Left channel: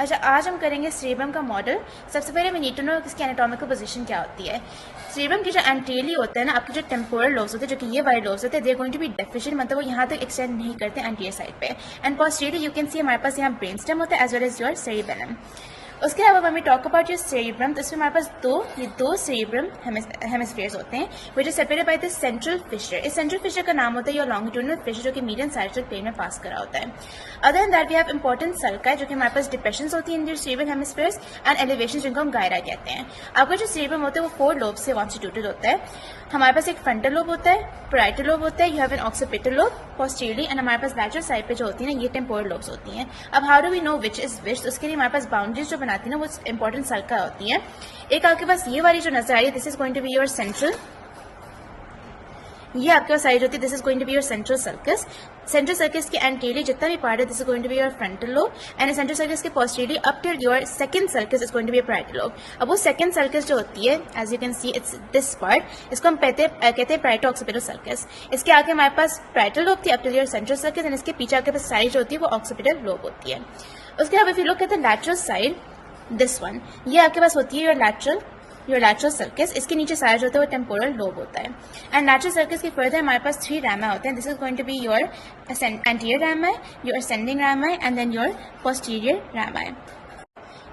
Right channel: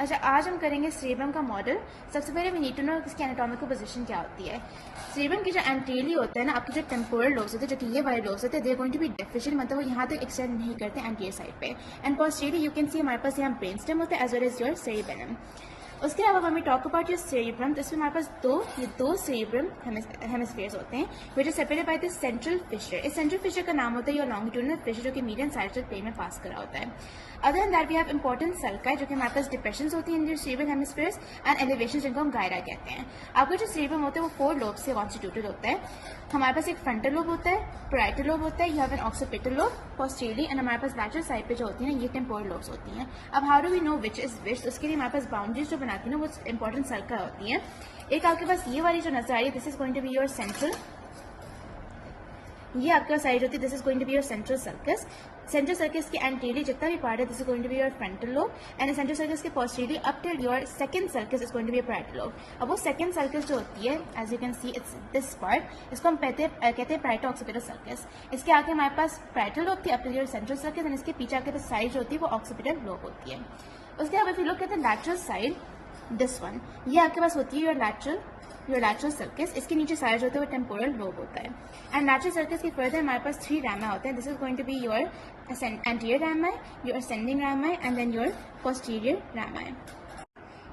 अच्छा, आज हम करेंगे सेरेब्रम का मॉडल। सबसे पहले वी नीड टू नो इसकी एनाटॉमिकल पोजीशन क्या होती है। सेरेब्रम की जो एंटीरियरली होता है ना, आपके जो टेम्पोरल लोब्स होते हैं, जो कि ये वाले लोब्स होते हैं, they are going to be deficient, मतलब वो यहाँ तक एक्सटेंड नहीं करते एंटीरियर साइड पे। And posteriorly you can see हमारे पास यहाँ ब्रेन स्टेम होता है as well as your cerebellum. उसके अलावा हमें टॉक अबाउट योर सेरिब्रम, तो इसमें हमारे पास दो सेरिब्रम हेमिस्फीयर्स होते हैं which is separated by the central fissure. इस सेंट्रल फिशर का नाम होता है योर लॉन्गिट्यूडिनल फिशर, जो कि मीडियम सैजिटल प्लेन में पास करा होता है। Other than that we have important sulci, जो कि हमारे पास डिप्रेशंस होती है in your cerebral hemispheres, and elevation जिनको हम गायरा कहते हैं। आपका जो सेरिब्रम होता है वो 4 लोब से कॉन्स्टिट्यूटेड होता है। हमारे पास एक फ्रंटल लोब होता है, पैराइटल लोब होता है, you have an occipital lobe posteriorly, and हमारे पास लैटरल साइड पे जो होती है ना, ये टेम्पोरल लोब्स होती हैं। अब how do we know which is which? उसके लिए हमारे पास बाउंड्रीज जो बनाती है ना, वो इंपॉर्टेंट सर्कल होती है। एक आपके पास ये वाली जो नजर आ रही है, this is going to be your central, ये आपके पास साइड होती है, this is going to be your central sulcus. Central sulcus के एंटीरियर जितना भी पार्ट है, this is going to be your frontal lobe, and central sulcus के posteriorly up till your second sulcus is going to be parietal lobe. अब वो second sulcus जो होती है, as you can see it's this part, इसको हम कहते हैं पैराइटो ऑक्सीपिटल सर्कस। इसके आगे हमारे पास पैराइटल लोब थी up till your central sulcus, and इसके पीछे आपके पास साइड जो होती है वो ऑक्सीपिटल लोब होती है। उसके अलावा if you look at the lateral side, this one, ये आपके पास होती है योर लैटरल सर्कस। इसके नीचे सारा जो होता है वो टेम्पोरल लोब होता है। एंड लैटरल सर्कस के फर्दर हमारे पास 3 रामा होते हैं। This is going to be your anterior rami, your ascending rami, and then your posterior rami.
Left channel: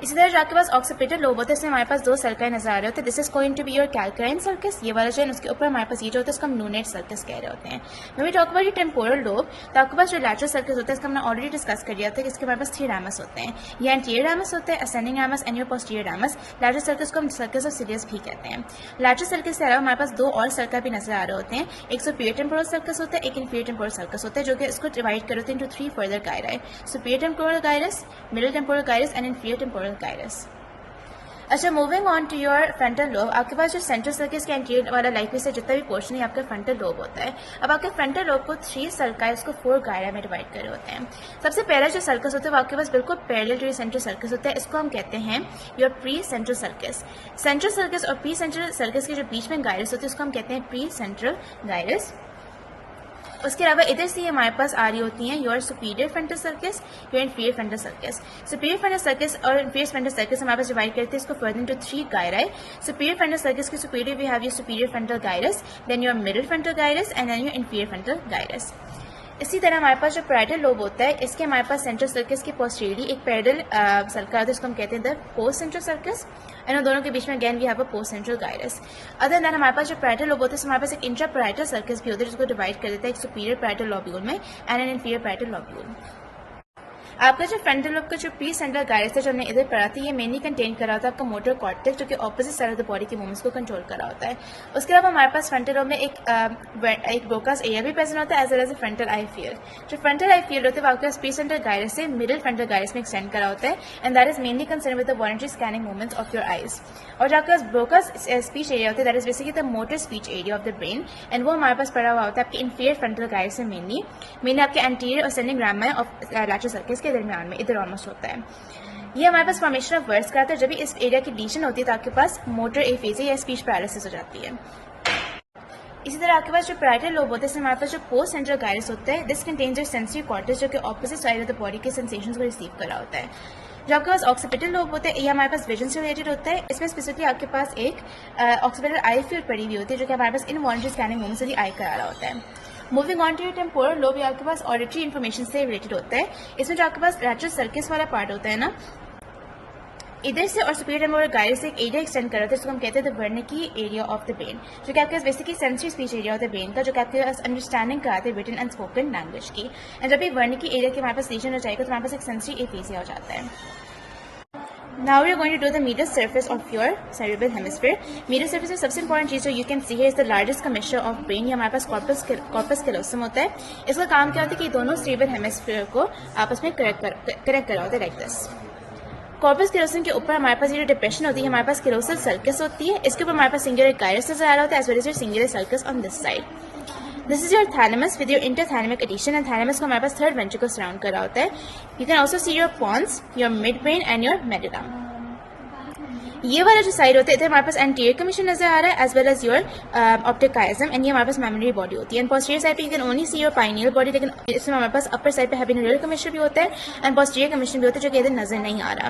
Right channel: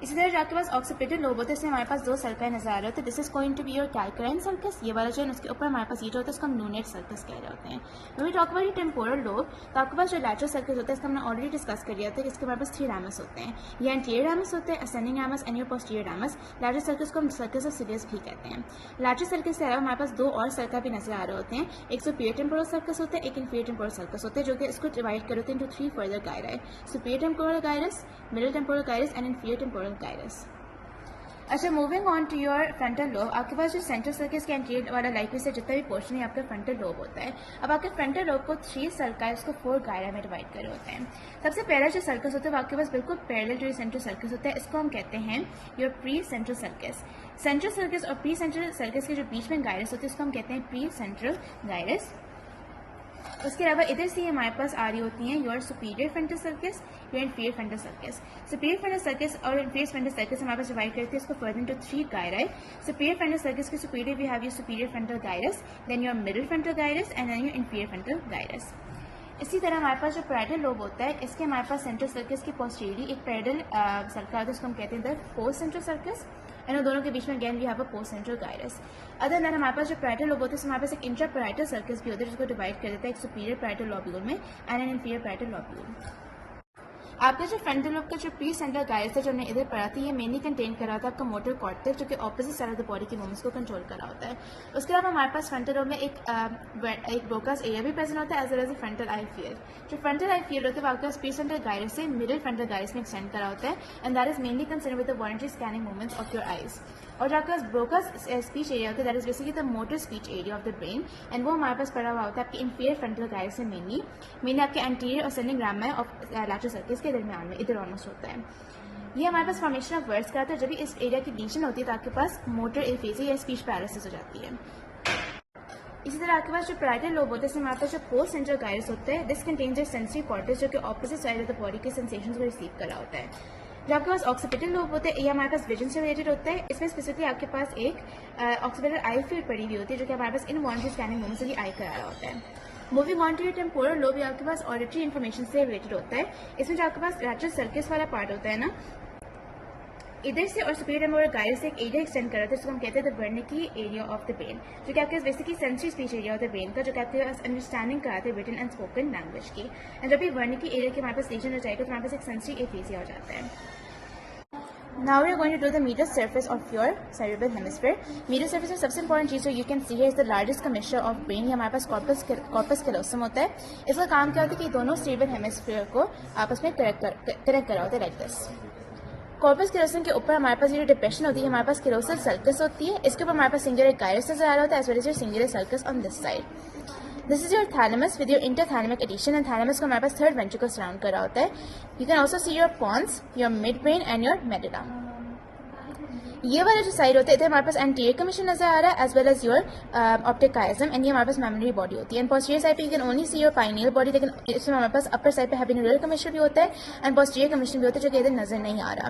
इसी तरह जो आपके पास ऑक्सीपिटल लोब होता है, इसमें हमारे पास 2 सर्कल नजर आ रहे होते हैं। This is going to be your calcarine sulcus, ये वाला जो है, उसके ऊपर हमारे पास ये जो होता है इसको हम लूनेट सर्कस कह रहे होते हैं। when we talk about your temporal lobe, तो आपके पास जो लैटरल सर्कस होता है, इसका हमने ऑलरेडी डिस्कस कर दिया था कि इसके हमारे पास 3 रामस होते हैं। ये एंटीरियर रामस होते हैं, ascending ramus and your posterior ramus. Lateral sulcus को हम सर्कस ऑफ सिलियस भी कहते हैं। लैटरल सर्कस के अलावा हमारे पास 2 और सर्कल भी नजर आ रहे होते हैं। एक सुपीरियर टेम्पोरल सर्कस होता है, एक इंफीरियर टेम्पोरल सर्कस होता है, जो कि इसको डिवाइड करते हैं into 3 further gyri, superior temporal gyrus, middle temporal gyrus and inferior temporal gyrus. अच्छा, moving on to your frontal lobe, आपके पास जो सेंट्रल सर्कस के एंटीरियर वाला लाइफ में से जितना भी पोर्शन है आपका फ्रंटल लोब होता है। अब आपके फ्रंटल लोब को 3 सर्कल, इसको 4 गायरा में डिवाइड करे होते हैं। सबसे पहला जो सर्कस होता है वो आपके पास बिल्कुल parallel to your central sulcus होता है, इसको हम कहते हैं your precentral sulcus. Central sulcus और प्री सेंट्रल सर्कस के जो बीच में गायरस होते हैं उसको हम कहते हैं प्री सेंट्रल गायरस। उसके अलावा इधर से हमारे पास आ रही होती हैं your superior frontal sulcus, your inferior frontal sulcus. Superior frontal sulcus और इंफीरियर फ्रंटल सर्कस हमारे पास डिवाइड करते हैं इसको फर्दर इनटू 3 गायरा। सुपीरियर फ्रंटल सर्कस के superior we have your superior frontal gyrus, then your middle frontal gyrus and then your inferior frontal gyrus. इसी तरह हमारे पास जो पैरेटल लोब होता है, इसके हमारे पास सेंट्रल सर्कस के पोस्टीरियरली एक पैरेलल सर्कल आता है, इसको हम कहते हैं the postcentral sulcus, and दोनों के बीच में again we have a postcentral gyrus. Other than हमारे पास जो पैरेटल लोब होता है, हमारे पास एक इंट्रा पैरेटल सर्कस भी होता है, जिसको डिवाइड कर देता है एक सुपीरियर पैरेटल लॉब्यूल में and N inferior parietal lobule. आपका जो फ्रंटल लोब का जो प्री सेंट्रल गायरस है, जो हमने इधर पढ़ा था, ये मेनली कंटेन करा होता है आपका मोटर कॉर्टेक्स, जो कि opposite side of the body के मूवमेंट्स को कंट्रोल करा होता है। उसके अलावा हमारे पास फ्रंटल लोब में एक ब्रोकास एरिया भी प्रेजेंट होता है एज वेल एज फ्रंटल आई फील्ड। जो फ्रंटल आई फील्ड होता है वो आपके पास प्री सेंट्रल गायरस से मिडिल फ्रंटल गायरस में एक्सटेंड करा होता है, and that is mainly concern with the voluntary scanning movements of your eyes. और जो आपके पास ब्रोकास स्पीच एरिया होता है, that is basically the motor speech area of the brain, and वो हमारे पास पड़ा हुआ होता है आपके इंफीरियर फ्रंटल गायरस से मेनली आपके एंटीरियर और ascending Rama of lateral sulcus के दरमियान में इधर ऑलमोस्ट होता है। ये हमारे पास फॉर्मेशन ऑफ वर्ड्स कराता है। जब भी इस एरिया की डिलीशन होती है तो आपके पास मोटर एफेजिया या स्पीच पैरालिसिस हो जाती है। इसी तरह आपके पास जो पैरेटल लोब होता है, इसमें हमारे पास जो पोस्ट सेंट्रल गायरस होता है, this contains your sensory cortex, जो कि opposite side of the body के सेंसेशंस को रिसीव कर रहा होता है। जो आपके पास ऑक्सीपिटल लोब होता है, ये हमारे पास विजन से रिलेटेड होता है। इसमें स्पेसिफिकली आपके पास एक ऑक्सीपिटल आई फील्ड पड़ी हुई होती है, जो कि हमारे पास इनवॉलंटरी स्कैनिंग मूवमेंट से भी आई करा रहा होता है। Moving on to your temporal lobe, ये आपके पास ऑडिटरी इन्फॉर्मेशन से रिलेटेड होता है। इसमें जो आपके पास लैटरल सर्कस वाला पार्ट होता है ना, इधर से और सुपीरियर टेम्पोरल गायरस से एक एरिया एक्सटेंड कर रहा है, जिसको हम कहते हैं the Wernicke area of the brain, जो कि आपके पास basically sensory speech area of the brain का, जो कि आपके पास अंडरस्टैंडिंग कराते हैं रिटन एंड स्पोकन लैंग्वेज की। एंड जब भी वर्निकी एरिया के हमारे पास लीजन हो जाएगा तो हमारे पास एक सेंसरी एफेजिया हो जाता है। Now we are going to do the medial surface of your cerebral hemisphere. Medial surface में सबसे important चीज़ जो you can see here is the largest commissure of brain। ये हमारे पास corpus callosum होता है। इसका काम क्या होता है कि दोनों cerebral hemisphere को आपस में कनेक्ट करा होता है लाइक दिस। कॉर्पस कैलोसम के ऊपर हमारे पास ये जो डिप्रेशन होती है, हमारे पास कैलोसल सर्कस होती है। इसके ऊपर हमारे पास सिंगुलर गायरस नजर आ रहा होता है as well as your cingulate sulcus on this side. This is your thalamus with your interthalamic adhesion, and thalamus को हमारे पास थर्ड वेंट्रिकल सराउंड करा होता है। You can also see your pons, your midbrain and your medulla. ये वाला जो side होता है इधर हमारे पास एंटीरियर कमीशन नजर आ रहा है as well as your optic chiasm, and ये हमारे पास मेमोरी बॉडी होती है। एंड पोस्टीरियर साइड पे you can only see your pineal body, लेकिन इसमें हमारे पास अपर साइड पे हैबिनोरियल कमीशन भी होता है एंड पोस्टीरियर कमीशन भी होता है जो कि इधर नजर नहीं आ रहा।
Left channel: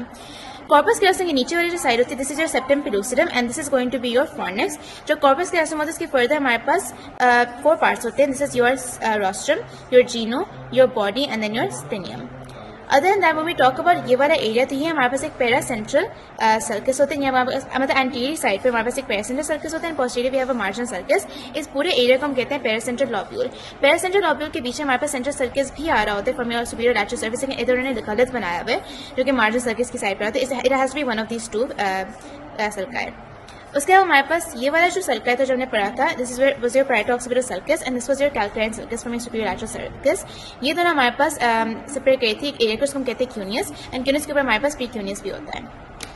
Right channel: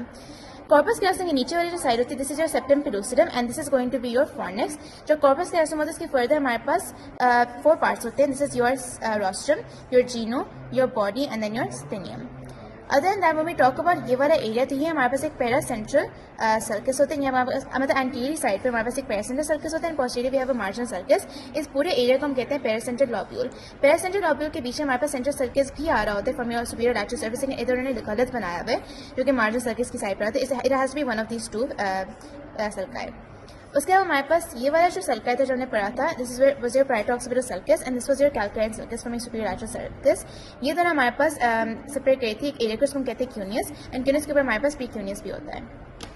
कॉर्पस कैलोसम के नीचे वाली जो साइड होती है this is your septum pellucidum and this is going to be your fornix. जो कॉर्पस कैलोसम होता है इसके फर्दर हमारे पास 4 पार्ट्स होते हैं। This is your rostrum, your genu, your body and then your splenium. Other than that when we talk about ये वाला area, तो ये हमारे पास एक पेरा सेंट्रल सर्कस होते हैं। ये हमारे पास मतलब एंटीरियर साइड पे हमारे पास एक पेरा सेंट्रल सर्कस होता है and posterior we have a marginal sulcus. इस पूरे एरिया को हम कहते हैं paracentral lobule. Paracentral lobule के पीछे हमारे पास सेंट्रल सर्कस भी आ रहा होता है from your superior lateral surface, लेकिन इधर उन्होंने गलत बनाया हुआ है जो कि मार्जिनल सर्कस की साइड पर आता है। It has to be one of these two sulci. उसके बाद हमारे पास ये वाला जो सर्कल था जो हमने पढ़ा था, this is was your parietal occipital sulcus and this was your calcarine sulcus from your superior lateral sulcus. ये दोनों हमारे पास सेपरेट करी थी एक एरिया को, उसको हम कहते हैं क्यूनियस, एंड क्यूनियस के ऊपर हमारे पास प्रीक्यूनियस भी होता है।